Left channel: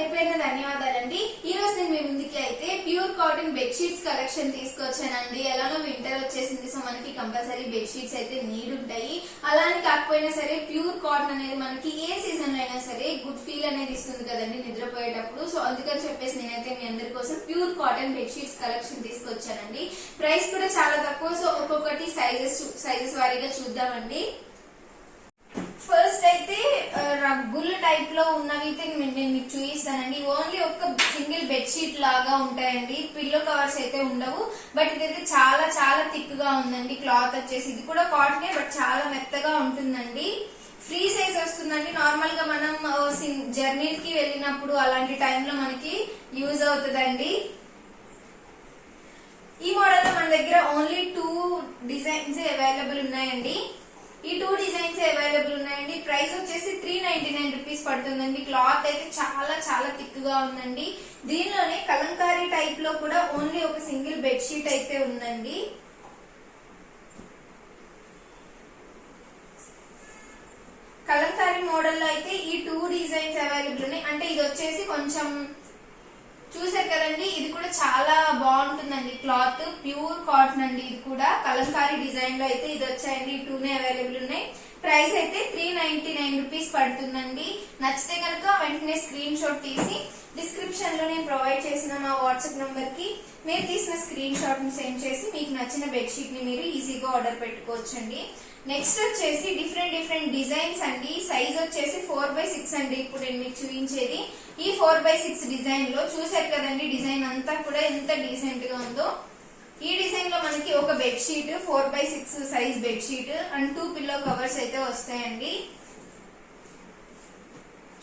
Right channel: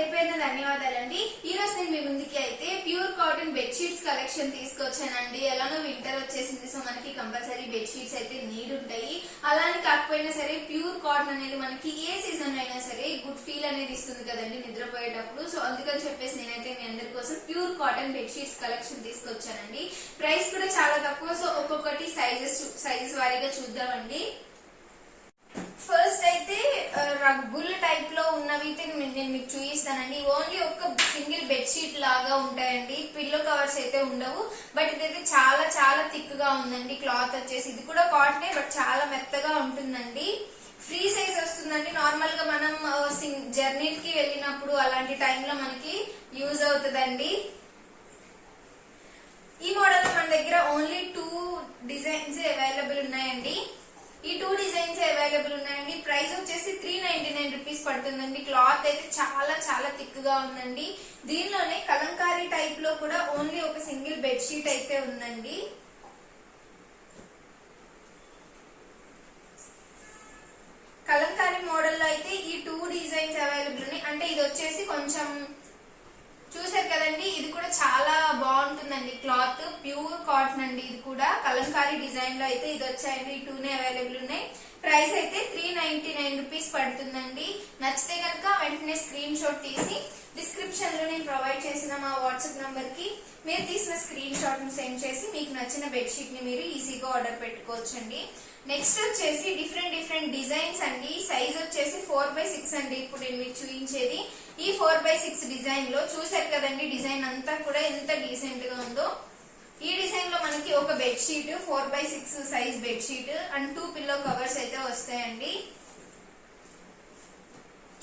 పేరు పేరున ధన్యవాదాలండి. ఈ రోజు నేను మీ ముందుకి అయితే ప్యూర్ కాటన్ బెడ్షీట్స్ కలెక్షన్ తీసుకొచ్చానండి. ఎలానో వింటర్ వచ్చేసింది, సో మనకి కంపల్సరీ బెడ్షీట్స్ అయితే నీడ్ ఉంటాయి. అలానే కాకపోయినా సరే ప్యూర్ కాటన్ అనేది మనకి ఏ సీజన్ లో అయినా సరే గుడ్ ఫీల్ అనేది ఇస్తుంది కదండి నిద్రపోయేటప్పుడు. సో అందుకని చెప్పేసి నేనైతే మీ అందరి కోసం ప్యూర్ కాటన్ బెడ్షీట్స్ కలెక్షన్ తీసుకొచ్చానండి. ప్రైస్ కూడా చాలా తక్కువ. సో ఒక్కొక్కటి సైజెస్ వారీగా చూద్దామండి. ఫస్ట్ అయితే రగ్గుల టైప్ లో ఉన్నవి నేను మీకు చూపిస్తానండి. ఓన్లీ ఒక సింగిల్ బెడ్షీట్ లాగా ఉంటాయండి, పిల్లో కవర్స్ అయితే ఉండవు. బట్ ఇదైతే చాలా చాలా థిక్ గా ఉందండి. క్లాత్ వచ్చేసి ఇది కూడా కాటనే, బట్ చాలా మెత్తగా ఉంటుందండి. ఫ్రీ సైజ్ వస్తుందండి. నార్మల్ గా మనం జర్నీకి వెళ్ళినప్పుడు అలాంటి టైంలో మనకి యూజ్ అవుతుందండి. ఈ మోడల్ లో మన దగ్గర ఓన్లీ 2 డిజైన్స్ అవైలబుల్ ఉన్నాయండి. ఈ 2 డిజైన్స్ అవైలబుల్ ఉన్నాయండి. ప్రైస్ వచ్చేసి 399 రూపీస్ పడుతుందండి. క్లాత్ అయితే చాలా చాలా థిక్ గా ఉందండి. దీనిలోనే కలంకారీ టైప్ లో కూడా ఓన్లీ ఒక సింగిల్ బెడ్షీట్ అయితే ఉందండి. కలంకారీ మోడల్ లో అయితే ఈ 2 డిజైన్స్ అవైలబుల్ ఉన్నాయి. అంటే ఇది వచ్చేసి కొంచెం చూసారు కదండి, ఇది కూడా చాలా బాగుంటుందండి. క్లాత్ ప్యూర్ కాటన్ అండి. ఇది కూడా కలంకారీ డిజైన్ లో అయితే ఇది వచ్చాయండి. ఈ 2 అవైలబుల్ ఉన్నాయి. ప్రైస్ అయితే 399 రూపీస్ పడుతుందండి. నచ్చితే కనుక వెంటనే స్క్రీన్ షాట్ తీసి డిస్క్రిప్షన్ లో నేను ప్రొవైడ్ చేసిన మా వాట్సాప్ నంబర్ కి మీరు తీసిన స్క్రీన్ షాట్ ని సెండ్ చేసి మీకు నచ్చిన బెడ్షీట్ ని మీరు ఈజీగా ఆర్డర్ పెట్టుకోవచ్చండి. నెక్స్ట్ వచ్చేసి డిఫరెంట్ డిజైన్స్ అండి. సైజ్ వచ్చేసి 4x6 అండి. ఇప్పుడు నేను మీకు చూపించేది ఈ 4x6 డిజైన్ లో చూసారు కదండి. డిజైన్ అంతా కూడా ఎంత డీసెంట్ గా ఉందో. ఈ డిజైన్ లో మనకి ఒక bedsheet 4x6 size bedsheet and 2 pillow covers అయితే వస్తాయండి.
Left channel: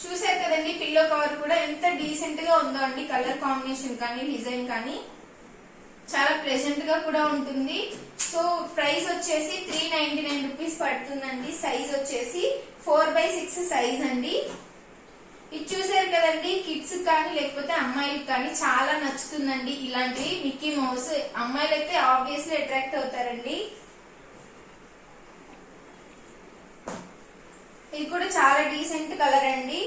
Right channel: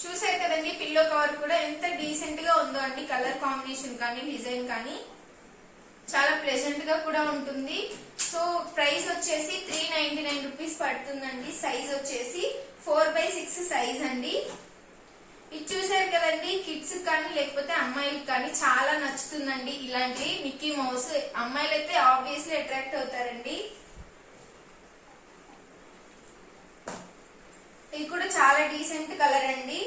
చూసారు కదండి, పిల్లో కవర్ కూడా ఎంత డీసెంట్ గా ఉందో అండి. కలర్ కాంబినేషన్ కానీ డిజైన్ కానీ చాలా ప్లెజెంట్ గా కూడా ఉంటుంది. సో ప్రైస్ వచ్చేసి 399 రూపీస్ పడుతుందండి. సైజ్ వచ్చేసి 4x6 సైజ్ అండి. ఇది చూసారు కదండి, కిడ్స్ కానీ లేకపోతే అమ్మాయిలకు కానీ చాలా నచ్చుతుందండి. ఇలాంటివి మిక్కీ మౌస్ అమ్మాయిలు అయితే ఆబ్వియస్లీ అట్రాక్ట్ అవుతారండి. ఇది కూడా చాలా డీసెంట్ కలర్ అండి.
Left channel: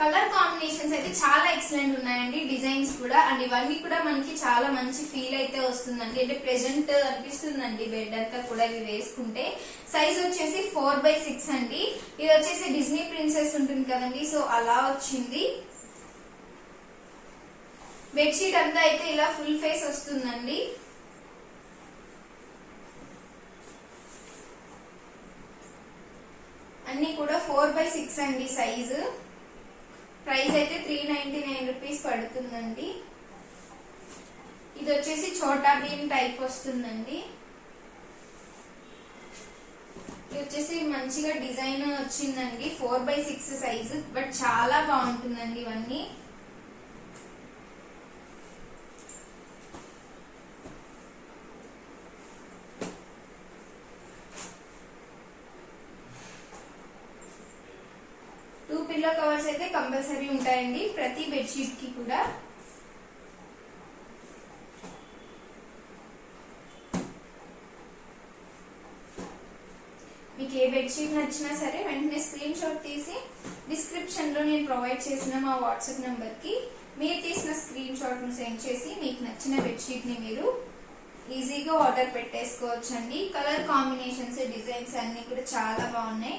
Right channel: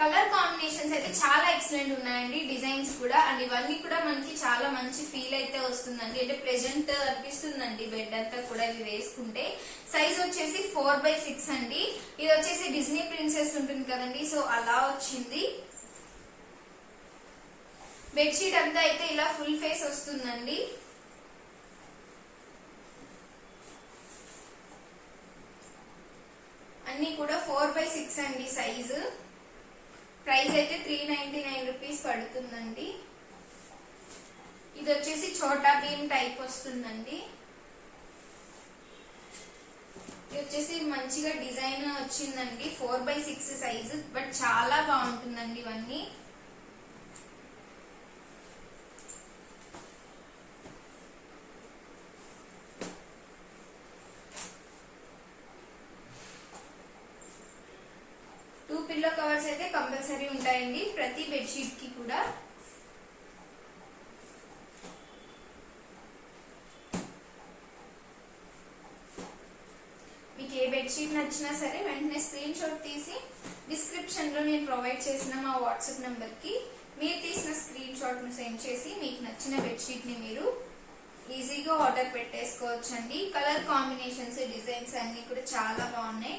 కలర్ కాంబినేషన్స్ అయితే చాలా ఎక్సలెంట్ ఉన్నాయండి. డిజైన్స్ కూడా అండ్ ఇవన్నీ కూడా మనకి చాలా మంచి ఫీల్ అయితే వస్తుందండి. అంటే ప్రెజెంట్ అనిపిస్తుందండి బెడ్ అంతా కూడా ఇవి వేసుకుంటే. సైజ్ వచ్చేసి 4x6 అండి. ఇది వచ్చేసి డిజ్నీ ప్రిన్సెస్ ఉంటుంది కదండి, సో అలా వచ్చింది. బెడ్షీట్ అంతా అయితే ఇలా ఫుల్ ఫేస్ వస్తుందండి. అన్ని కూడా 4x6 అండి సైజు. ప్రైస్ అయితే 399 రూపీస్ పడుతుందండి. ఇది వచ్చేసి చోటా భీమ్ టైప్ వస్తుందండి. ఇది వచ్చేసి మంచిగా డిజైన్ వచ్చిందండి. 4x6 సైజు, బట్ చాలా బాగుంటుందండి ఇవన్నీ. పిల్లో కవర్స్ అయితే కంపల్సరీ ఉంటాయండి ప్రతి బెడ్షీట్ కి కూడా. మీకు ఏ బెడ్షీట్ నచ్చినా సరే వెంటనే స్క్రీన్ షాట్ తీసి డిస్క్రిప్షన్ లో నేను ప్రొవైడ్ చేసిన మా వాట్సాప్ నంబర్ కి మీరు తీసిన స్క్రీన్ షాట్ ను సెండ్ చేసి మీకు నచ్చిన బెడ్షీట్ ని మీరు ఈజీగా ఆర్డర్ పెట్టేసుకోవచ్చండి. కలర్ కాంబినేషన్స్ డిజైన్స్ అన్ని కూడా చాలా బాగున్నాయి.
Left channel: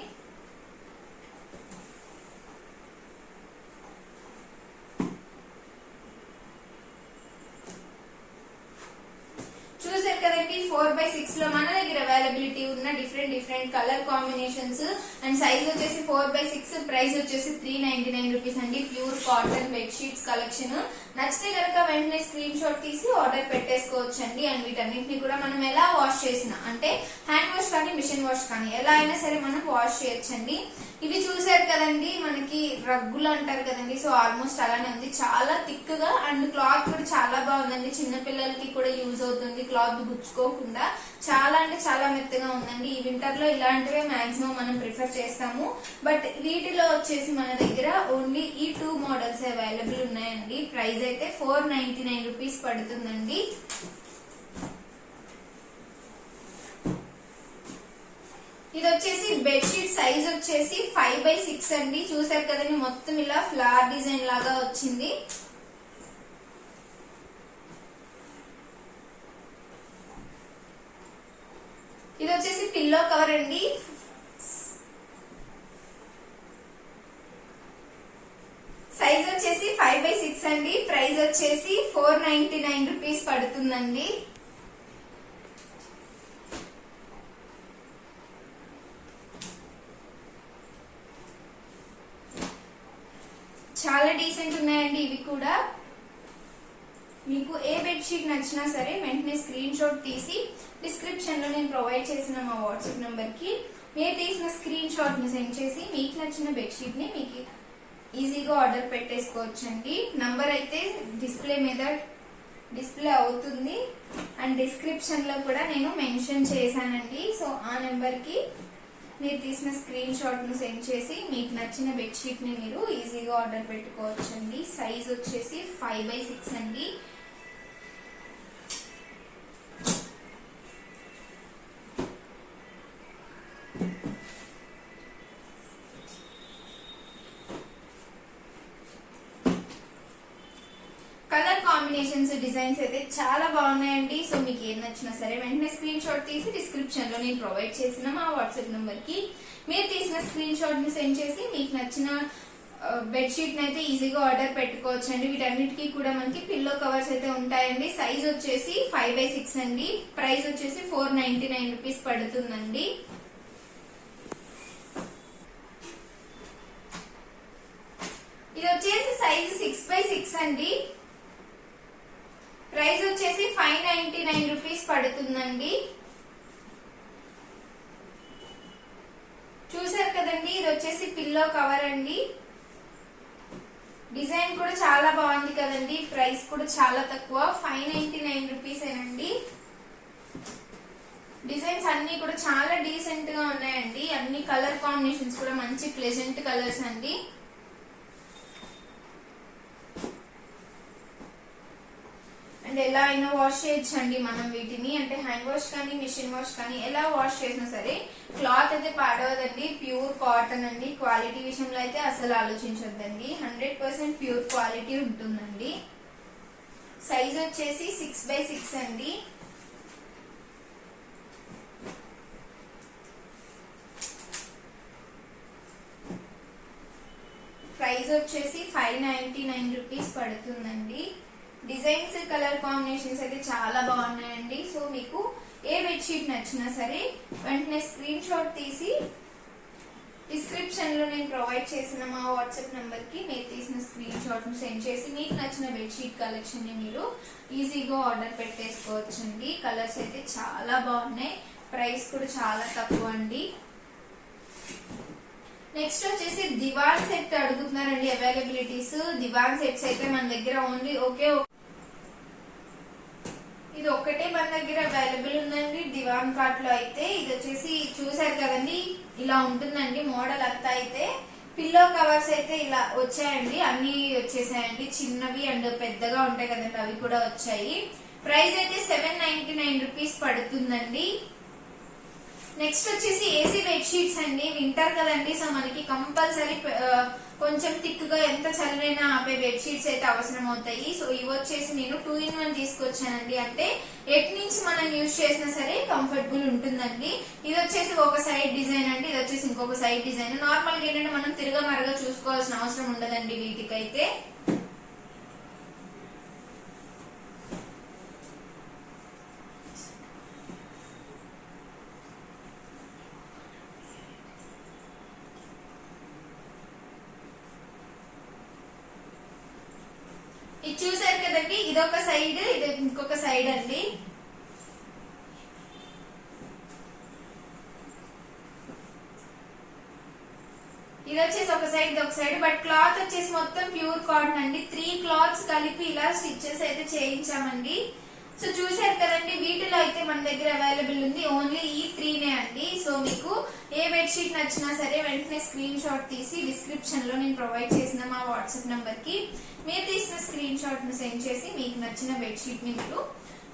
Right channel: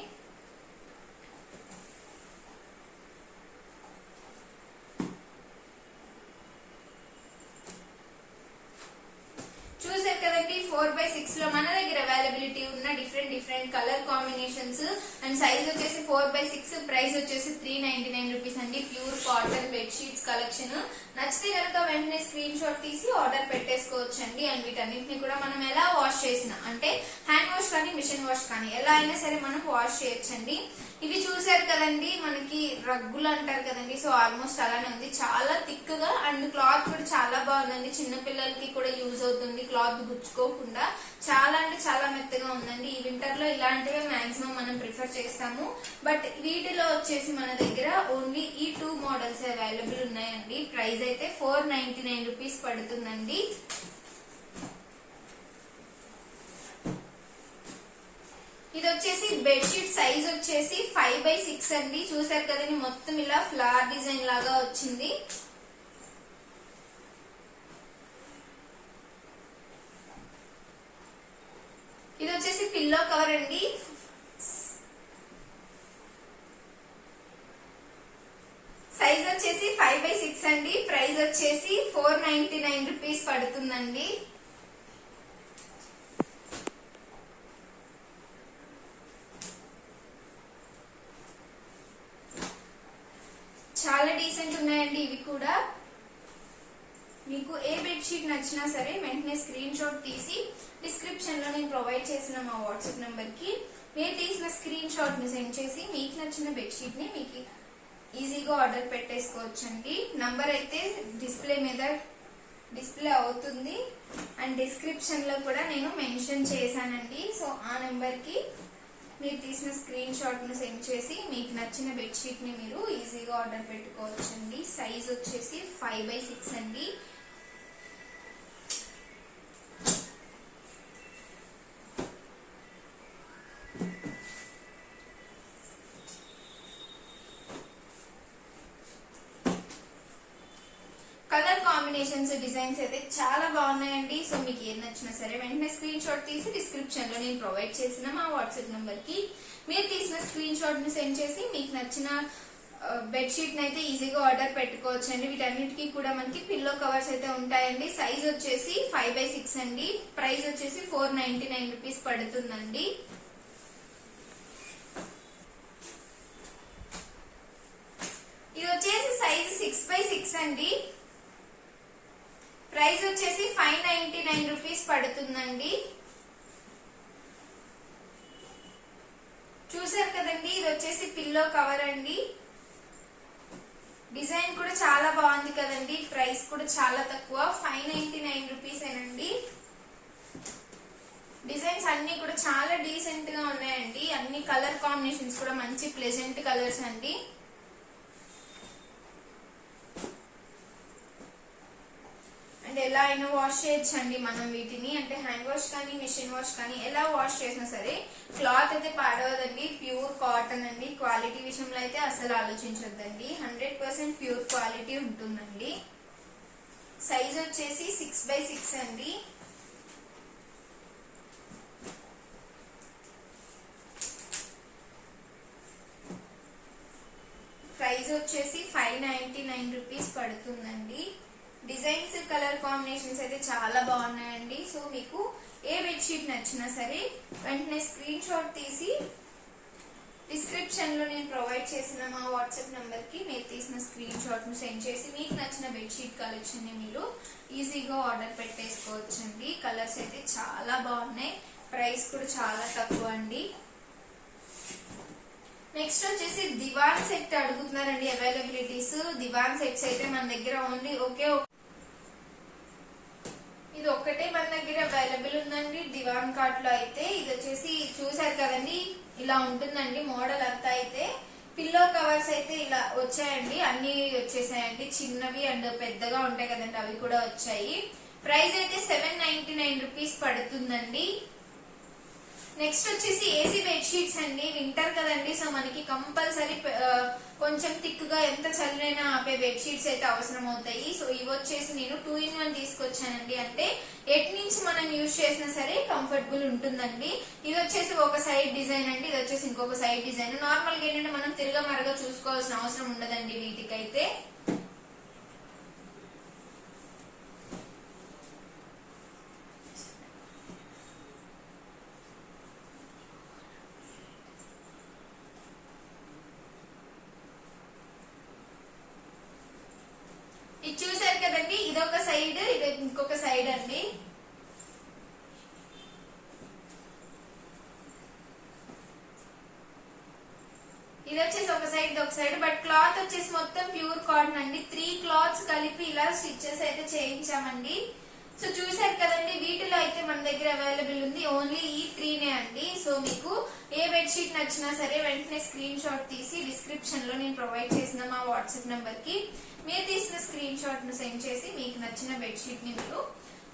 చూసారు కదండి, 4x6 లో మన దగ్గర అవైలబిలిటీ ఉన్న different colour combinations and size వచ్చేసి 4x6. ప్రైస్ వచ్చేసి 399 రూపీస్ అండి. Pure cotton bedsheets collection. నచ్చితే కనుక వెంటనే స్క్రీన్ షాట్ తీసి ఆర్డర్ పెట్టేసుకోవచ్చండి. అండ్ వీటన్నిటిని కూడా మనం ఎలా వాష్ చేసినా, అంటే హ్యాండ్ వాష్ కానీ మిషన్ వాష్ కానీ ఎలా అయినా సరే మనం వాష్ చేయొచ్చండి. ఇవి చూసారు కదండి, మనకి రగ్గులు అంటారు కదండి, సో ఆల్మోస్ట్ అలానే ఉంది. చాలా థిక్ గా అండ్ క్లాత్ కూడా చాలా బాగుందండి. చిన్న పిల్లలకి కూడా యూజ్ అవుతుంది, క్లాత్ గుచ్చుకోకుండా. చాలా అంటే చాలా మెత్తగా ఉందండి. ఈ వింటర్ లో ఇలాంటివే మాక్సిమం మనం ప్రిఫర్ చేస్తాము. బట్ వీటిలో వచ్చేసి మన దగ్గర ఓన్లీ ఈ 2 మోడల్స్ అవైలబుల్ ఉన్నాయండి. ప్రైస్ అయితే 499 రూపీస్ పడుతుందండి. ఇది వచ్చేసి బెడ్షీట్ సైజ్ వచ్చేసి 5x6 అండి. చూసారు కదండి, మొత్తం ఇలా ఫ్లవర్ డిజైన్ లాగా వచ్చింది. ఇది వచ్చేసి పిల్లో కవర్ అండి. సైజ్ వచ్చేసి 5x6 అండి. ప్రైస్ వచ్చేసి 499 రూపీస్ పడుతుందండి. చాలా డీసెంట్ ఉన్నాయండి ఇవి కూడా. మీకు ఏ బెడ్షీట్ నచ్చినా సరే వెంటనే స్క్రీన్ షాట్ తీసి డిస్క్రిప్షన్ లో నేను ప్రొవైడ్ చేసిన మా వాట్సాప్ నంబర్ కి మీరు తీసిన స్క్రీన్ షాట్ ని సెండ్ చేసి మీకు నచ్చిన బెడ్షీట్ ని మీకు ఈజీగా ఆర్డర్ పెట్టేసుకోవచ్చండి. నంబర్ అయితే డిస్ప్లే అవుతుంది అండ్ డిస్క్రిప్షన్ లో కూడా నేను మెన్షన్ చేశానండి. సో ఆ నెంబర్ కి మీరు తీసిన స్క్రీన్ షాట్ ను సెండ్ చేసి మీకు నచ్చిన బెడ్షీట్ ని మీరు ఈజీగా ఆర్డర్ పెట్టుకోవచ్చండి. సైజ్ వచ్చేసి 5x6 అండి. కలర్ కాంబినేషన్స్ డిజైన్స్ అయితే చాలా బాగున్నాయండి. సో మీకు ఏం నచ్చినా సరే వెంటనే స్క్రీన్ షాట్ తీసి డిస్క్రిప్షన్ లో నేను ప్రొవైడ్ చేసిన మా వాట్సాప్ నంబర్ కి మీరు తీసిన స్క్రీన్ షాట్ ని సెండ్ చేసి మీకు నచ్చిన బెడ్షీట్ అయితే ఈజీగా ఆర్డర్ పెట్టుకోవచ్చు అండి. వీటన్నిటికీ కూడా మనకి పిల్లో కవర్స్ అయితే ఉంటాయండి. సైజ్ వచ్చేసి 5x6 అండి. ప్రైస్ వచ్చేసి 499 రూపీస్ పడుతుందండి. ఇది వచ్చేసి సైజ్ 6x6 అండి. ప్రైస్ వచ్చేసి 599 రూపీస్ పడుతుందండి. చూసారు కదండి, ఇది వచ్చేసి పిల్లో కవర్ అండి. డిజైన్ కూడా చాలా బాగుంది కదండి. ప్రైస్ కూడా చాలా తక్కువ, 599 రూపీస్ ఏనండి. డిజైన్స్ అన్ని కూడా చాలా డీసెంట్ గా ఉన్నాయండి. అన్ని కలర్ కాంబినేషన్స్ కూడా మంచి ప్లెజెంట్ కలర్స్ అండి. అండ్ ఎలా అయినా వాష్ చేయొచ్చండి మనం వీటిని. అంటే హ్యాండ్ వాష్ కానీ మిషన్ వాష్ కానీ ఎలా వాష్ చేసినా సరే క్లాత్ అయితే పాడవదండి. ప్యూర్ కాటన్ అండి. క్వాలిటీ విషయంలో అయితే అసలు ఆలోచించొద్దండి. 100% ప్యూర్ క్వాలిటీ ఉంటుందండి. సైజ్ వచ్చేసి 6x6 అండి. ప్రైస్ వచ్చేసి 599 రూపీస్ పడుతుందండి. డిజైన్స్ కలర్ కాంబినేషన్స్ అయితే చాలా బాగున్నాయండి. సో మీకు ఏ బెడ్షీట్ నచ్చినా సరే వెంటనే స్క్రీన్ షాట్ తీసి డిస్క్రిప్షన్ లో నేను ప్రొవైడ్ చేసిన మా వాట్సాప్ నంబర్ కి మీరు తీసిన స్క్రీన్ షాట్ ను సెండ్ చేసి మీకు నచ్చిన బెడ్షీట్ కలెక్షన్ ని మీరు ఈజీగా ఆర్డర్ పెట్టేసుకోవచ్చండి. కలర్స్ అయితే చాలా బాగున్నాయి. ప్రైస్ కూడా చాలా తక్కువ అండి. నెక్స్ట్ వచ్చేసి దివాన్ సెట్ అడుగుతున్నారండి. అవైలబిలిటీస్ దివాన్ సెట్స్ అయితే మన దగ్గర ఓన్లీ ఇది ఒక్కటే మన దగ్గర అవైలబుల్ ఉందండి దివాన్ కార్ట్ లో అయితే. ఇది వచ్చేసి చూసారు కదండి, ఇలా ఉంటుందండి మోడల్ అంతా. అయితే పిల్లో కవర్స్ అయితే ఇలా వచ్చాయండి, అన్ని వచ్చేసాయండి. చిన్నవి అండ్ పెద్దగా ఉంటాయి కదండి, అవి కూడా వచ్చాయి. ప్రైస్ అయితే 799 రూపీస్ పడుతుందండి. నెక్స్ట్ వచ్చేసి ఏసీ బెడ్షీట్స్ అండి. వింటర్ కదండి, సో మనకి కంపల్సరీ కొంచెం థిక్ గా ఎంత చల్లైనా ఆపే బెడ్షీట్స్ అయితే అవసరం అవుతాయి. సో ఇవి వచ్చేసి నేను 2-in-1 తీసుకొచ్చానండి. అంటే ఎట్ నుంచి మనం యూజ్ చేసినా సరే కంఫర్టబుల్ ఉంటుందండి. ఇది వచ్చేసి ఒక సైడ్ డిజైన్ అండి, ఇది వచ్చేసి ఇంకొక సైడ్ డిజైన్. నార్మల్ గా ఏంటంటే మనం తిరగమరగా చూసుకోవాల్సిన అవసరం ఉండదండి వీటికైతే. ఇది చూసారు కదండి, ఇదొక సైడ్, ఇది ఇంకొక సైడ్ అండి. ఇది వచ్చేసి ఒక సైడ్, ఇది ఒక సైడ్. బట్ క్లాత్ వచ్చేసి మొత్తం ప్యూర్ కాటన్ అండి. 3 క్లాత్స్ కలిపి ఇలా స్టిచెస్ అయితే చేయించామండి. సో చూసారు కదండి, వీటిలో అయితే మన దగ్గర అవైలబుల్ ఉంది ఓన్లీ ఈ 3నే అండి. సో మీకు ఏ బెడ్షీట్ నచ్చినా సరే వెంటనే స్క్రీన్ షాట్ తీసి డిస్క్రిప్షన్ లో నేను ప్రొవైడ్ చేసిన మా వాట్సాప్ నంబర్ కి మీరు తీసిన స్క్రీన్ షాట్ ను సెండ్ చేసి మీకు నచ్చిన బెడ్షీట్ ని మీరు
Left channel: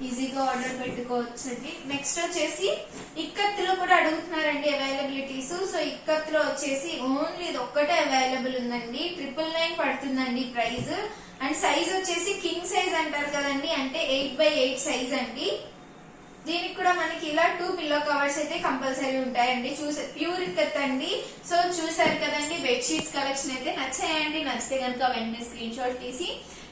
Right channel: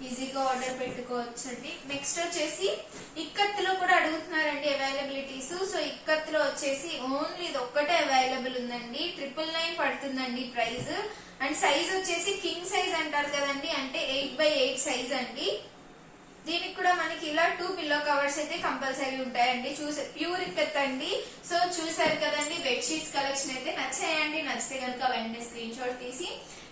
ఈజీగా ఆర్డర్ పెట్టుకోవచ్చు అండి. నెక్స్ట్ వచ్చేసి ఇక్కత్తులో కూడా అడుగుతున్నారండి అవైలబిలిటీస్. సో ఇక్కత్తులో వచ్చేసి ఓన్లీ ఇది ఒక్కటే అవైలబుల్ ఉందండి. 999 పడుతుందండి ప్రైస్. అండ్ సైజ్ వచ్చేసి కింగ్ సైజ్ అంటారు కదండి, అంటే 8x8 సైజ్ అండి. దీనికి కూడా మనకి ఇలా 2 పిల్లో కవర్స్ అయితే కంపల్సరీ ఉంటాయండి. ప్యూర్ ఇక్కత్ అండి. సో చూసారు కదండి బెడ్షీట్స్ కలెక్షన్ అయితే నచ్చాయండి. నచ్చితే కనుక వెంటనే స్క్రీన్ షాట్ తీసి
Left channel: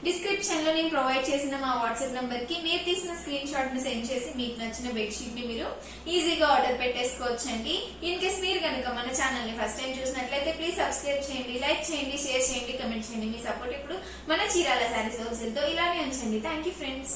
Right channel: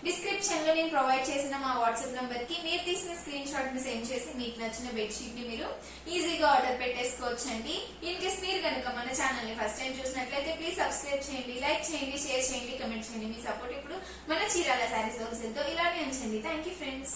డిస్క్రిప్షన్ లో నేను ప్రొవైడ్ చేసిన మా వాట్సాప్ నంబర్ కి మీరు తీసిన స్క్రీన్ షాట్ ని సెండ్ చేసి మీకు నచ్చిన బెడ్షీట్ ని మీరు ఈజీగా ఆర్డర్ పెట్టేసుకోవచ్చండి. ఇన్ కేస్ మీరు కనుక మన ఛానల్ ని ఫస్ట్ టైం చూసినట్లయితే ప్లీజ్ సబ్స్క్రైబ్ చేయండి, లైక్ చేయండి, షేర్ చేయండి, కమెంట్ చేయండి. మీ సపోర్ట్ ఇప్పుడు మన చీరాల శారీస్ హోల్సేల్ తో ఇలానే ఉంచండి. Thank you friends.